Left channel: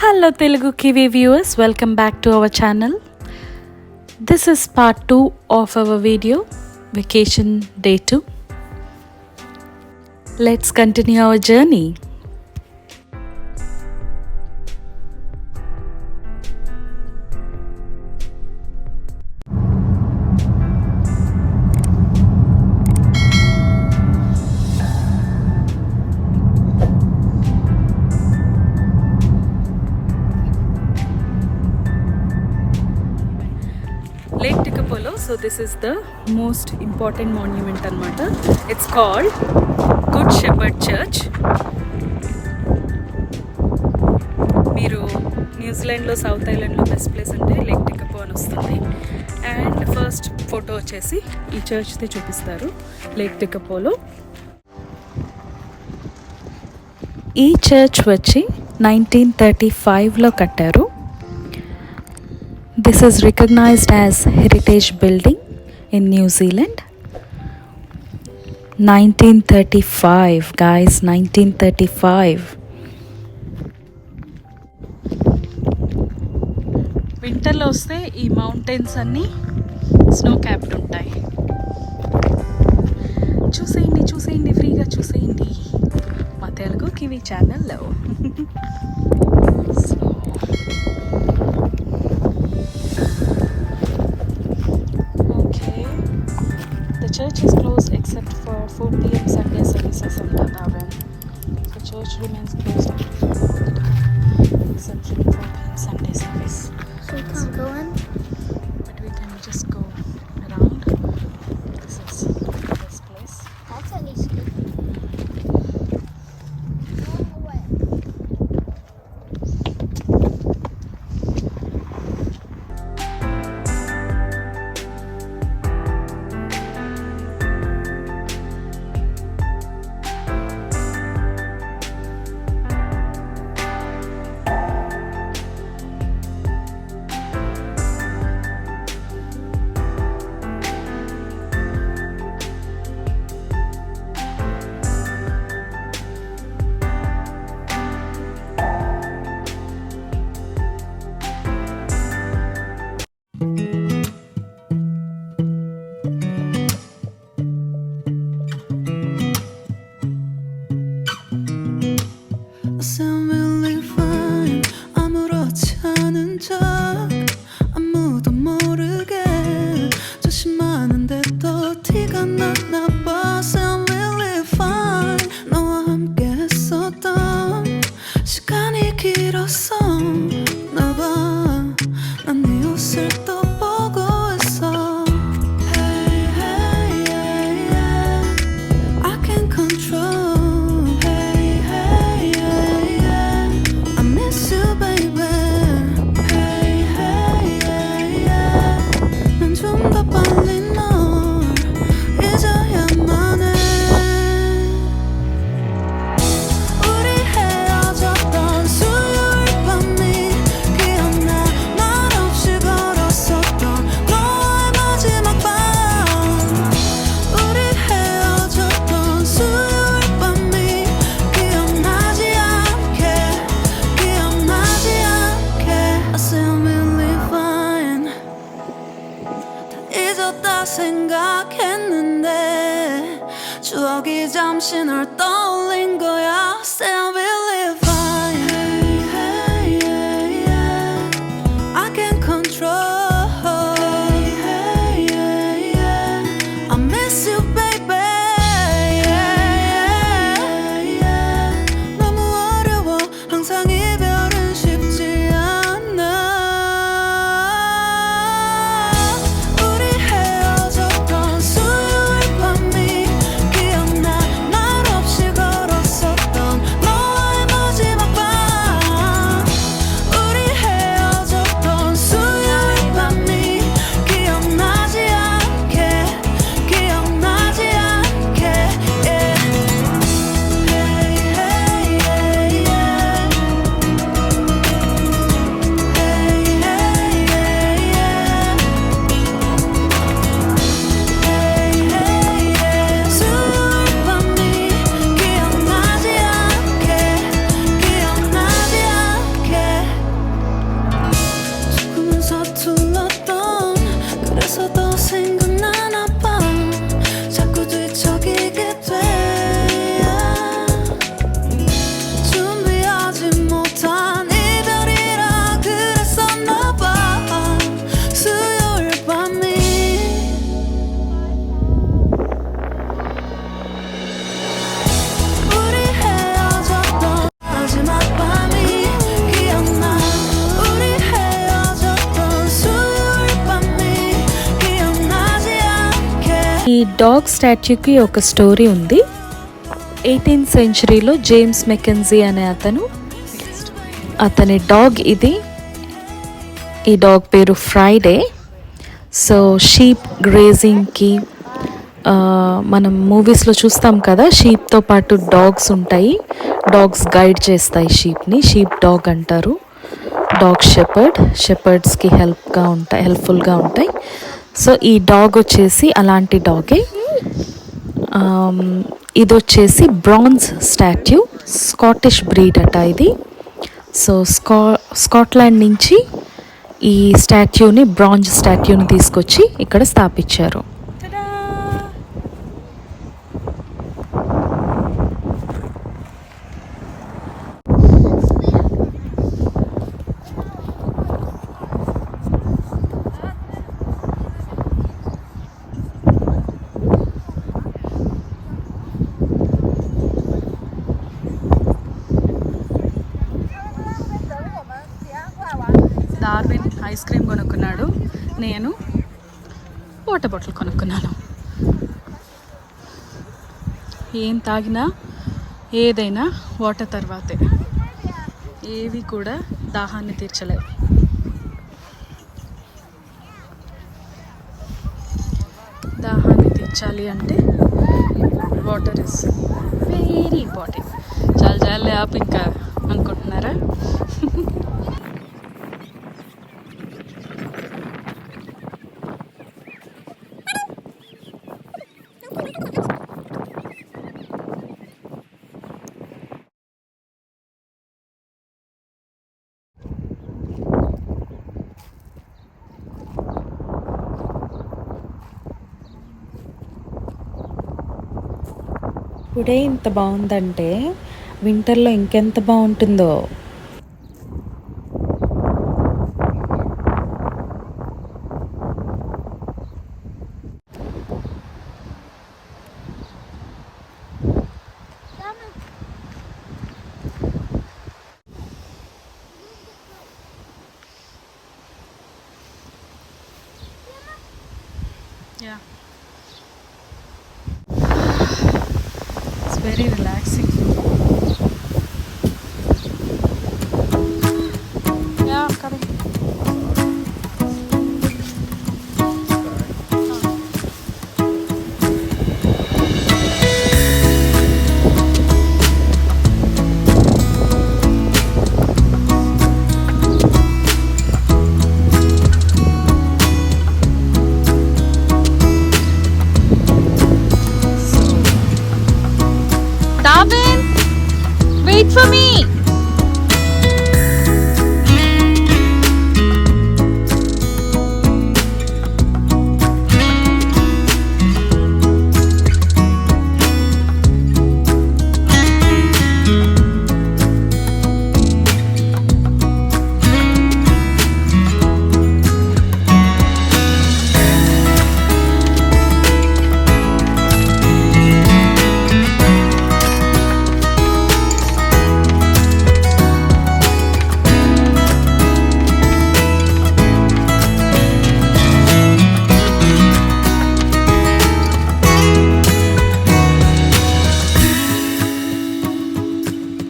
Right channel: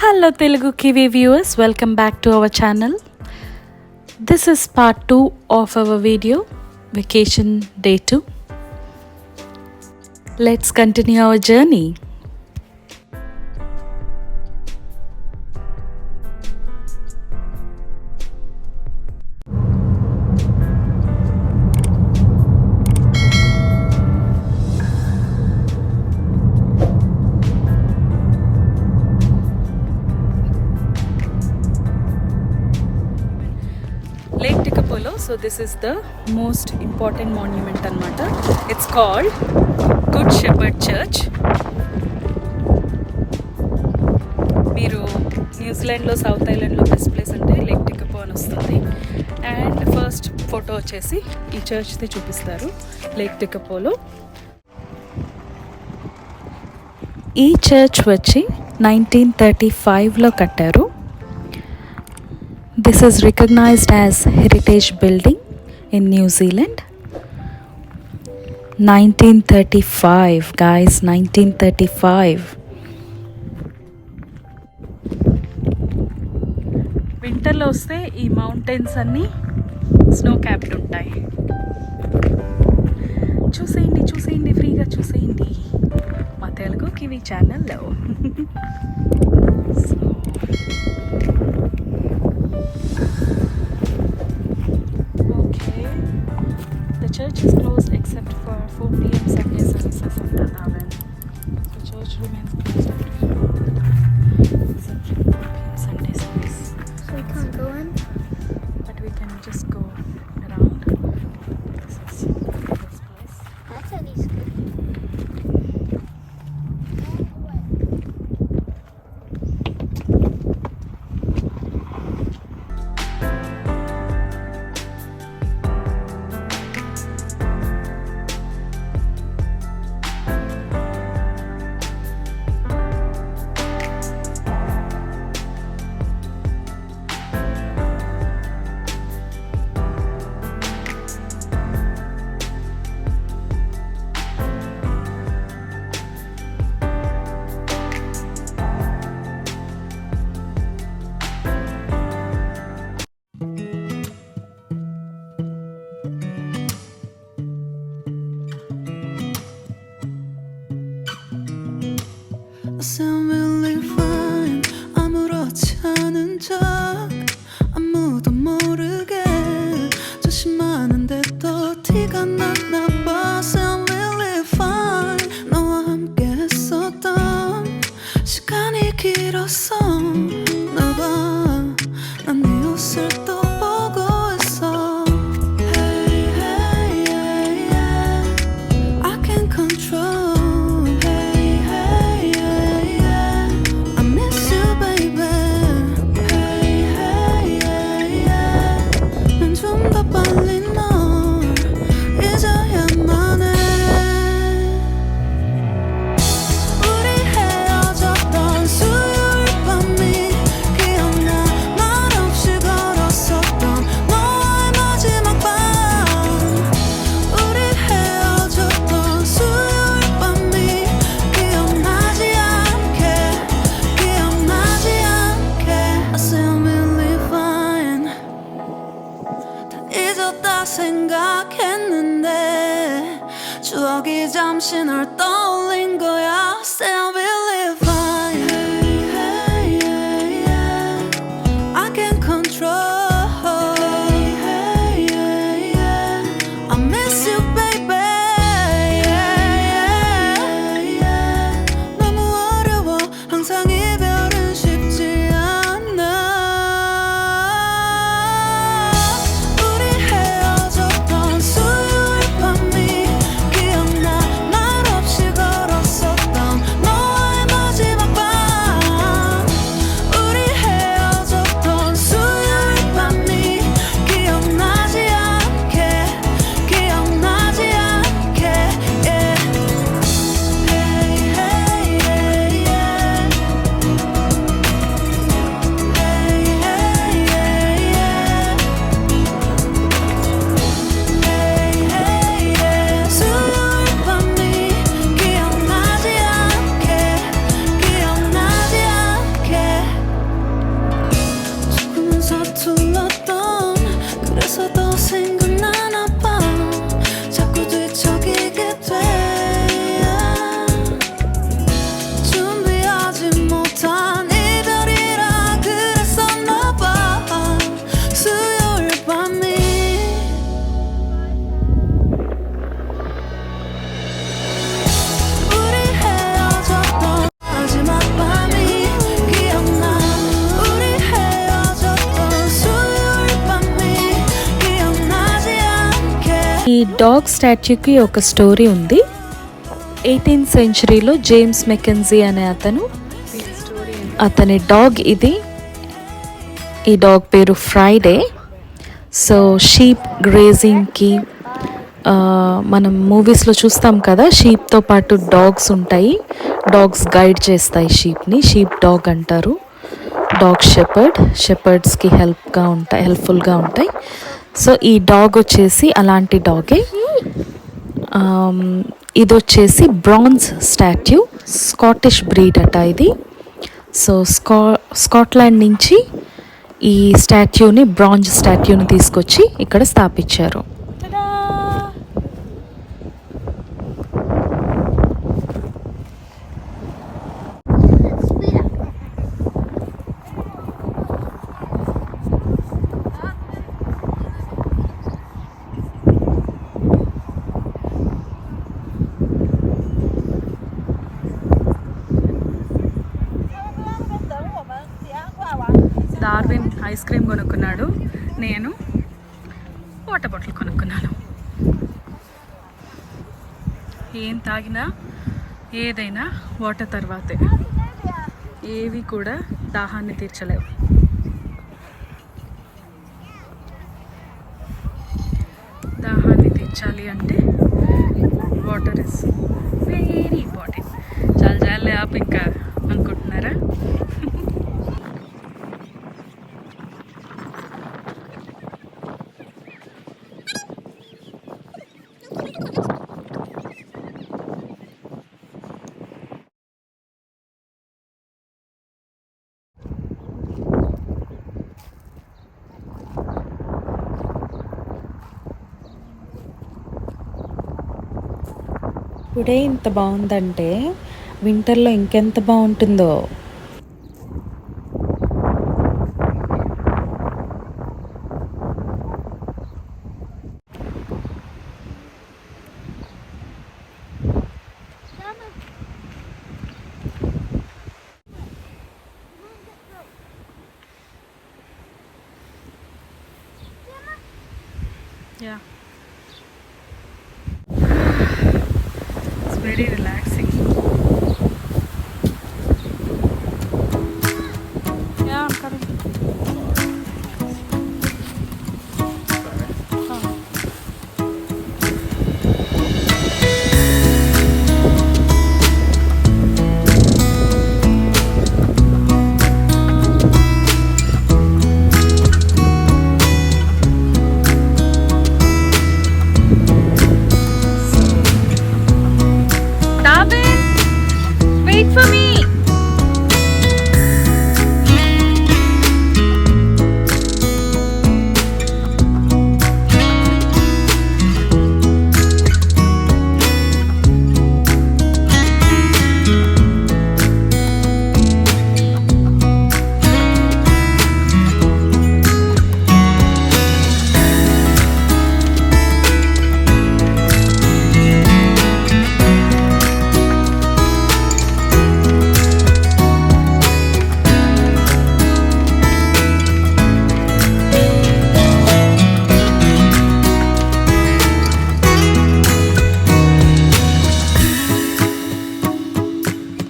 Hello Telugukiwi viewers, welcome back to our channel. This is part 2 of our video, Vacation Day 2. Let's continue our journey. Lake Tekapo, so this is the most important monument anamata. It's called Good Shepherd Church. మీరు న్యూజిలాండ్లో సౌత్ ఐలాండ్లో best place అంటే లేక్ టెకపో అని వస్తుంది. And first photo వచ్చేసి ఈ చర్చ్ది చూపిస్తారు లేక్ టెకపోలో. ఈ చర్చ్ వచ్చి 1935లో కట్టారు. This is recognized as heritage building in New Zealand. 1935 guys, 1935. వింటర్లో వస్తే ఈ మౌంటైన్స్ అన్నీ స్నో క్యాప్డ్ ఉంటాయి. చూసేయండి ఫ్రీగా చూసేయండి మా తెలుగు కివి ఛానల్లో. The church is closed except for 4 p.m. Sunday services on Dharvin. The church remains closed except for 4 p.m. Sunday service. So we can't go in? But we can just go around. This is this place. That's at least good. Sound really fine. 아무렇지 않은 척 아무도 모르게 조심하는데 또 티가 났나 봐. Sound really fine. 너와 함께 했었던 시간이 길었어. 나봐 난 네 옷을 또 보고 있어. Hey hey yeah yeah I can't control. 생각했는데 추억이 잠시 널 떠올린 거야. Still believe fine. Hey, hey, yeah, yeah. I can't control. Hey, hey, yeah, yeah. I miss you, baby. Yeah, yeah, yeah. 너무 어려워. 항상 이별은 쉽지 않아. 수요일 밤이 기억나. 말 없이 걸었었던 너와의 서툴렀던 그래서 더 생각나나 봐 자꾸 뒤척이게 돼 준비하지 못한 이별이라 그랬었나 봐 수요일 밤이 우리 헤어졌던 마지막 밤이 기억나 우리 헤어졌던 수요일 밤이 기억나지 않게 ఈ డాగ్ స్టాచ్యూకి ఒక స్టోరీ ఉంది. 18th సెంచరీలో James Mackenzie అనే అతని డాగ్ ఇది. ఈ డాగ్ పేరు ఫ్రైడే. సో షీప్ గ్రేజింగ్కి మనం మూవీస్లో చూస్తాం కదా, షీప్తో పాటు డాగ్స్ ఉంటాయి. డాగ్స్ గైడ్ చేస్తాయి షీప్ని. షీప్ డాగ్ అంటారు. డాగ్ షెపర్డ్స్కి హెల్ప్ఫుల్గా ఉంటాయి. సో ఈ డాగ్ వచ్చేసి అలాంటి డాగే. ఇది వచ్చేసి బ్రాంజ్ స్టాట్యూ, స్కాటిష్ బ్రీడ్ అట ఇది. సో స్కాట్లాండ్ నుంచి ఈ బ్రాంజ్ స్టాట్యూని తీసుకొచ్చి ఇక్కడ స్థాపించారు. డార్విన్ ఐస్ క్రీమ్ కొనుక్కున్నాడు, నేను వాటర్ బాటిల్ కొనుక్కున్నాను. ఏం తాగినా ఏదైనా వాటర్ తర్వాతే, ఏవి కూడా దాహాన్ని తీర్చలేవు. దాహాన్ని తీర్చాలి అంటే వాటర్ ఇస్ వెరీ ఇంపార్టెంట్. చాలా యాప్ ఇంకా అనుకుంటున్నారా? ఇప్పుడే ఇంత బాగుందంటే వింటర్లో ఇంకెంత బాగుంటుందో. Yeah. It's very relaxing. Yeah, I'm coming. Wait for me.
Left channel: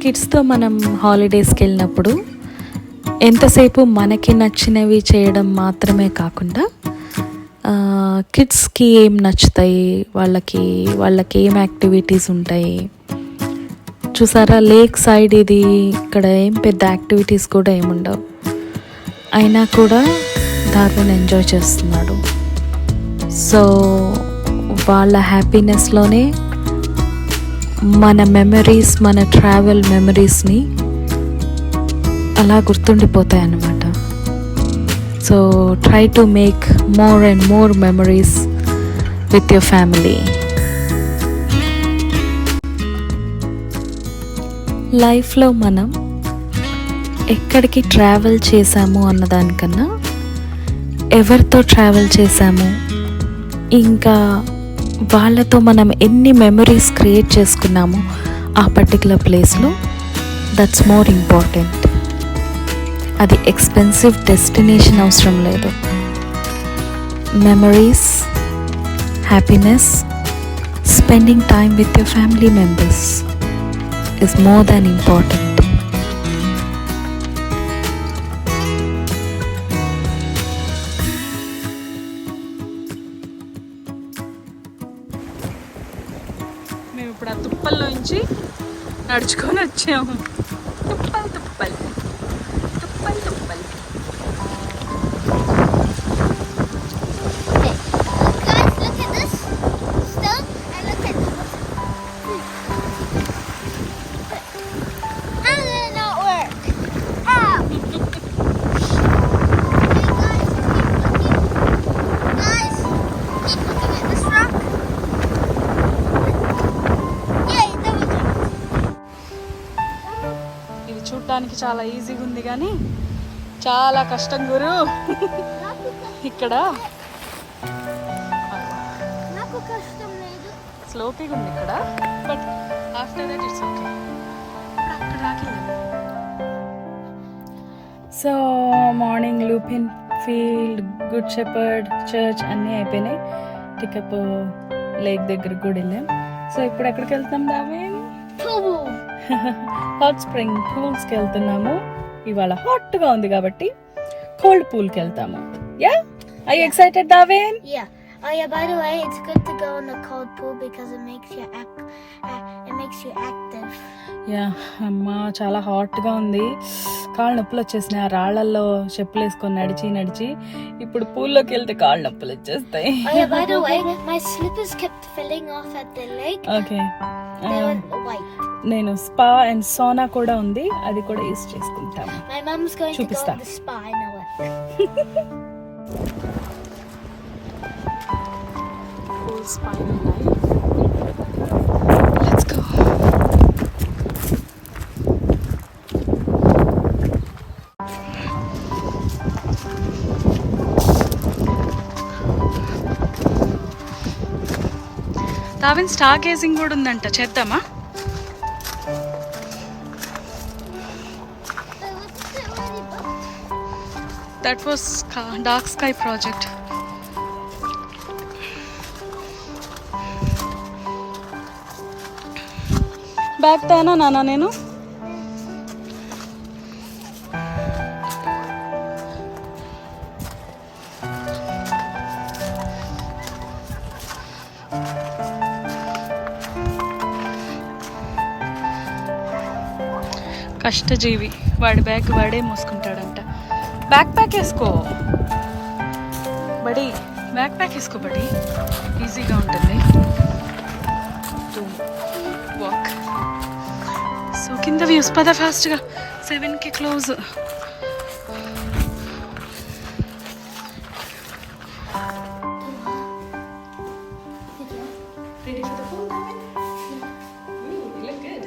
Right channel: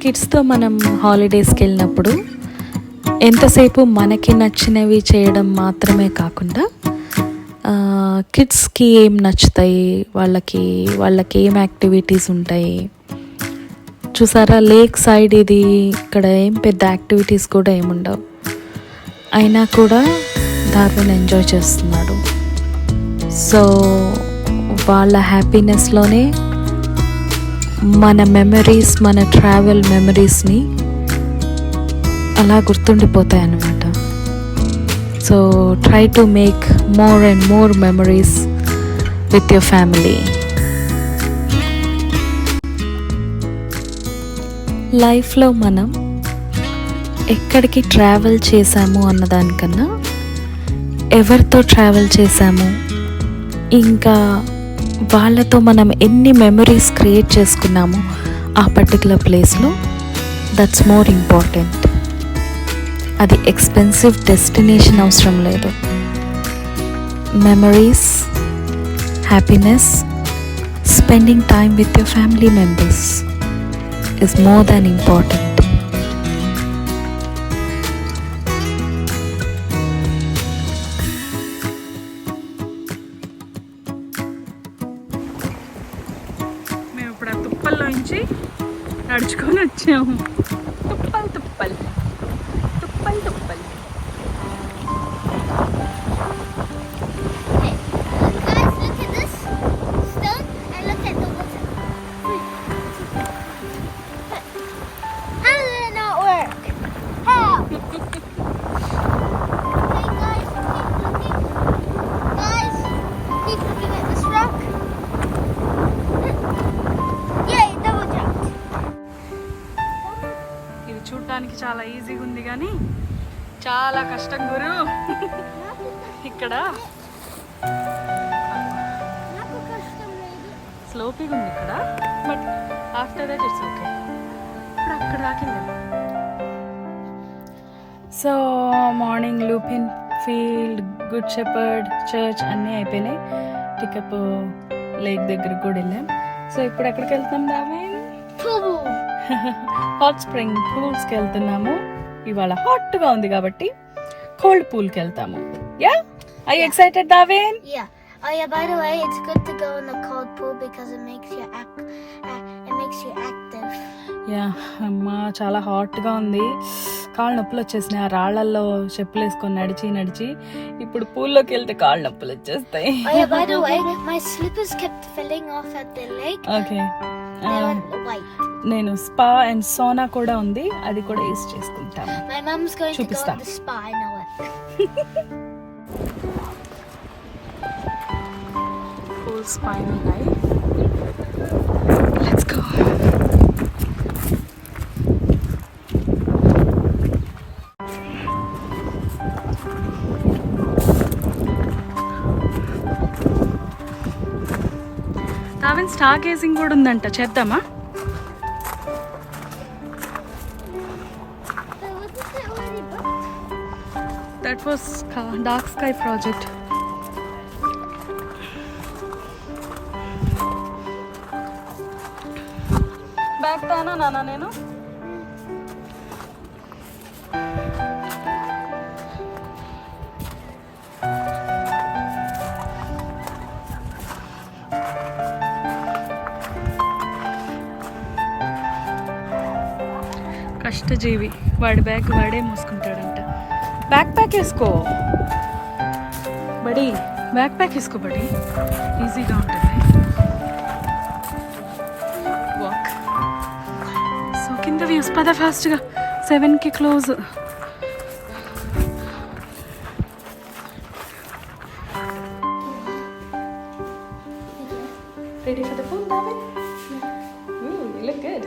కిడ్స్తో మనం హాలిడేస్కి వెళ్ళినప్పుడు ఎంతసేపు మనకి నచ్చినవి చేయడం మాత్రమే కాకుండా కిడ్స్కి ఏం నచ్చుతాయి, వాళ్ళకి ఏం యాక్టివిటీస్ ఉంటాయి చూసారా. లేక్ సైడ్ ఇది, ఇక్కడ ఏం పెద్ద యాక్టివిటీస్ కూడా ఏముండవు. అయినా కూడా ధార్విన్ ఎంజాయ్ చేస్తున్నాడు. సో వాళ్ళ హ్యాపీనెస్లోనే మన మెమరీస్, మన ట్రావెల్ మెమరీస్ని అలా గుర్తుండిపోతాయి అన్నమాట. So try to make more and more memories with your family. లైఫ్లో మనం ఎక్కడికి ట్రావెల్ చేశాము అన్నదానికన్నా ఎవరితో ట్రావెల్ చేశాము, ఇంకా వాళ్ళతో మనం ఎన్ని మెమరీస్ క్రియేట్ చేసుకున్నాము ఆ పర్టికులర్ ప్లేస్లో, దట్స్ మోర్ ఇంపార్టెంట్. అది ఎక్స్పెన్సివ్ డెస్టినేషన్ అవసరం లేదు. Memories, happiness, spending time with your family members is more than important. మేము ఇప్పుడు ఆ తుప్పల్లోంచి నడుచుకొని వచ్చాము. తుప్పల్ తుప్పల్ తుప్పల్ తుప్పల్. చూడటానికి చాలా ఈజీగా ఉంది కానీ చాలా కష్టం గురు. ఇక్కడ స్లోపీగా ఉంది ఇక్కడ, but after that it's okay. ఇప్పుడు అక్కడ దాకా so morning Lupin field, good shepherd church అన్నీ అయిపోయినాయి. టికపో లేక్ దగ్గర కూడా వెళ్ళాం. సో ఇప్పుడు ఎక్కడికి వెళ్తాం దార్విన్? హాట్ స్ప్రింగ్ పూల్స్కి వెళ్తున్నాము. ఇవాళ హాట్గా ఉంది కాబట్టి కోల్డ్ పూల్కి వెళ్తాము. Yeah, I excited Darwin? Yeah. Oh yeah, by the way, it's good to go in the cold pool because it makes you active. Yeah అమ్మా, చాలా హాట్గా ఉంది. కాళ్ళు నొప్పులు వచ్చేసినాయి ఆ రాళ్లలో చెప్పులు వేసుకొని నడిచి నడిచి. ఇప్పుడు పూల్లోకి వెళ్తే కాళ్ళు నొప్పులు వచ్చేస్తాయి. Oh yeah, by the way, my slippers kept falling off at the lake. Okay, They went white. నేను స్పా అండ్ సోనా కూడా ఉంది, అది కూడా యూస్ చేసుకుంటాము. My mom's going to go చూపిస్తా. to the spa, I know it. Cool spiny life. Let's go. Darwin star gazing కూడా ఉందంట, చేద్దామా? That was dark sky project. Bag తేనా నాన్న నేను? కష్టజీవి, వాడి బ్యాగ్ వాడే మోసుకుంటాడంట. బ్యాక్ ప్యాక్ వేసుకో బడి, బ్యాక్ ప్యాక్ వేసుకో బడి, ఈజీగా ఉంటుంది. వాక్. సో కింద వ్యూస్ పద ఫాస్ట్గా, 7కి close. Ready for the pool, Dharvin? Ooh, you look good.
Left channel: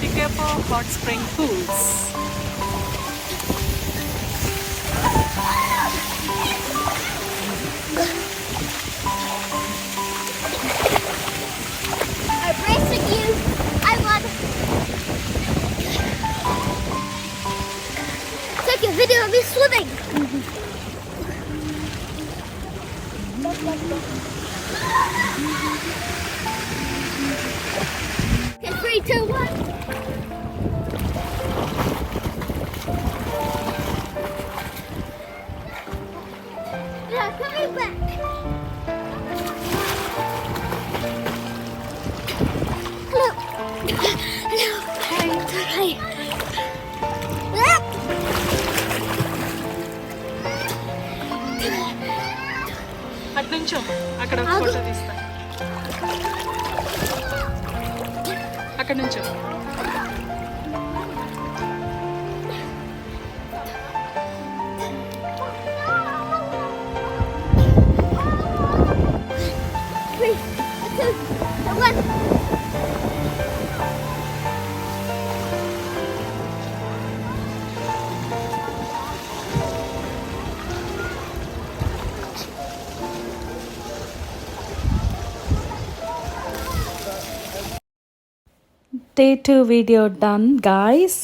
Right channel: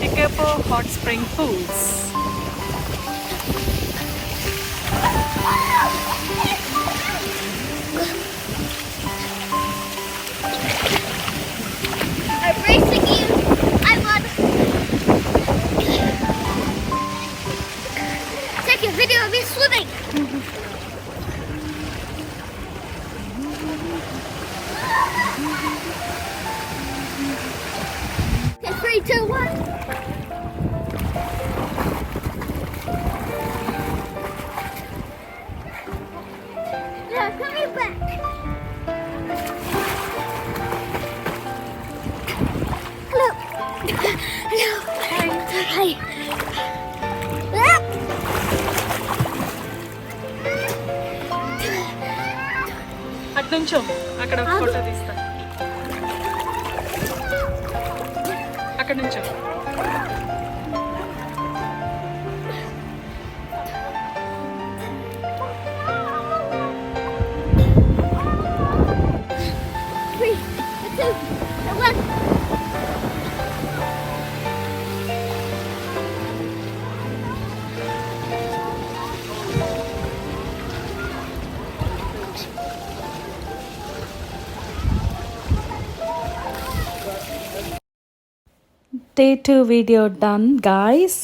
Tekapo hot spring pools. I'm racing you. I want to take a video of me swimming. Okay, 3, 2, 1. Yeah, coming back. Hello. Hello. Hi. Hi. అటు నుంచో, అక్కడ ఒక ఫోటో తీస్తా. అక్కడ నుంచో. Day-2 video done guys.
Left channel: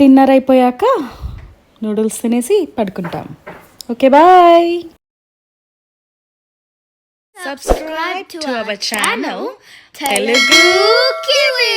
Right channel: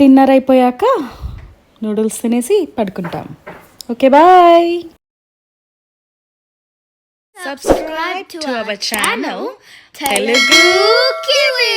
Dinner అయిపోయాక noodles తినేసి పడుకుంటాం. Okay bye. Subscribe to our channel, Telugukiwi.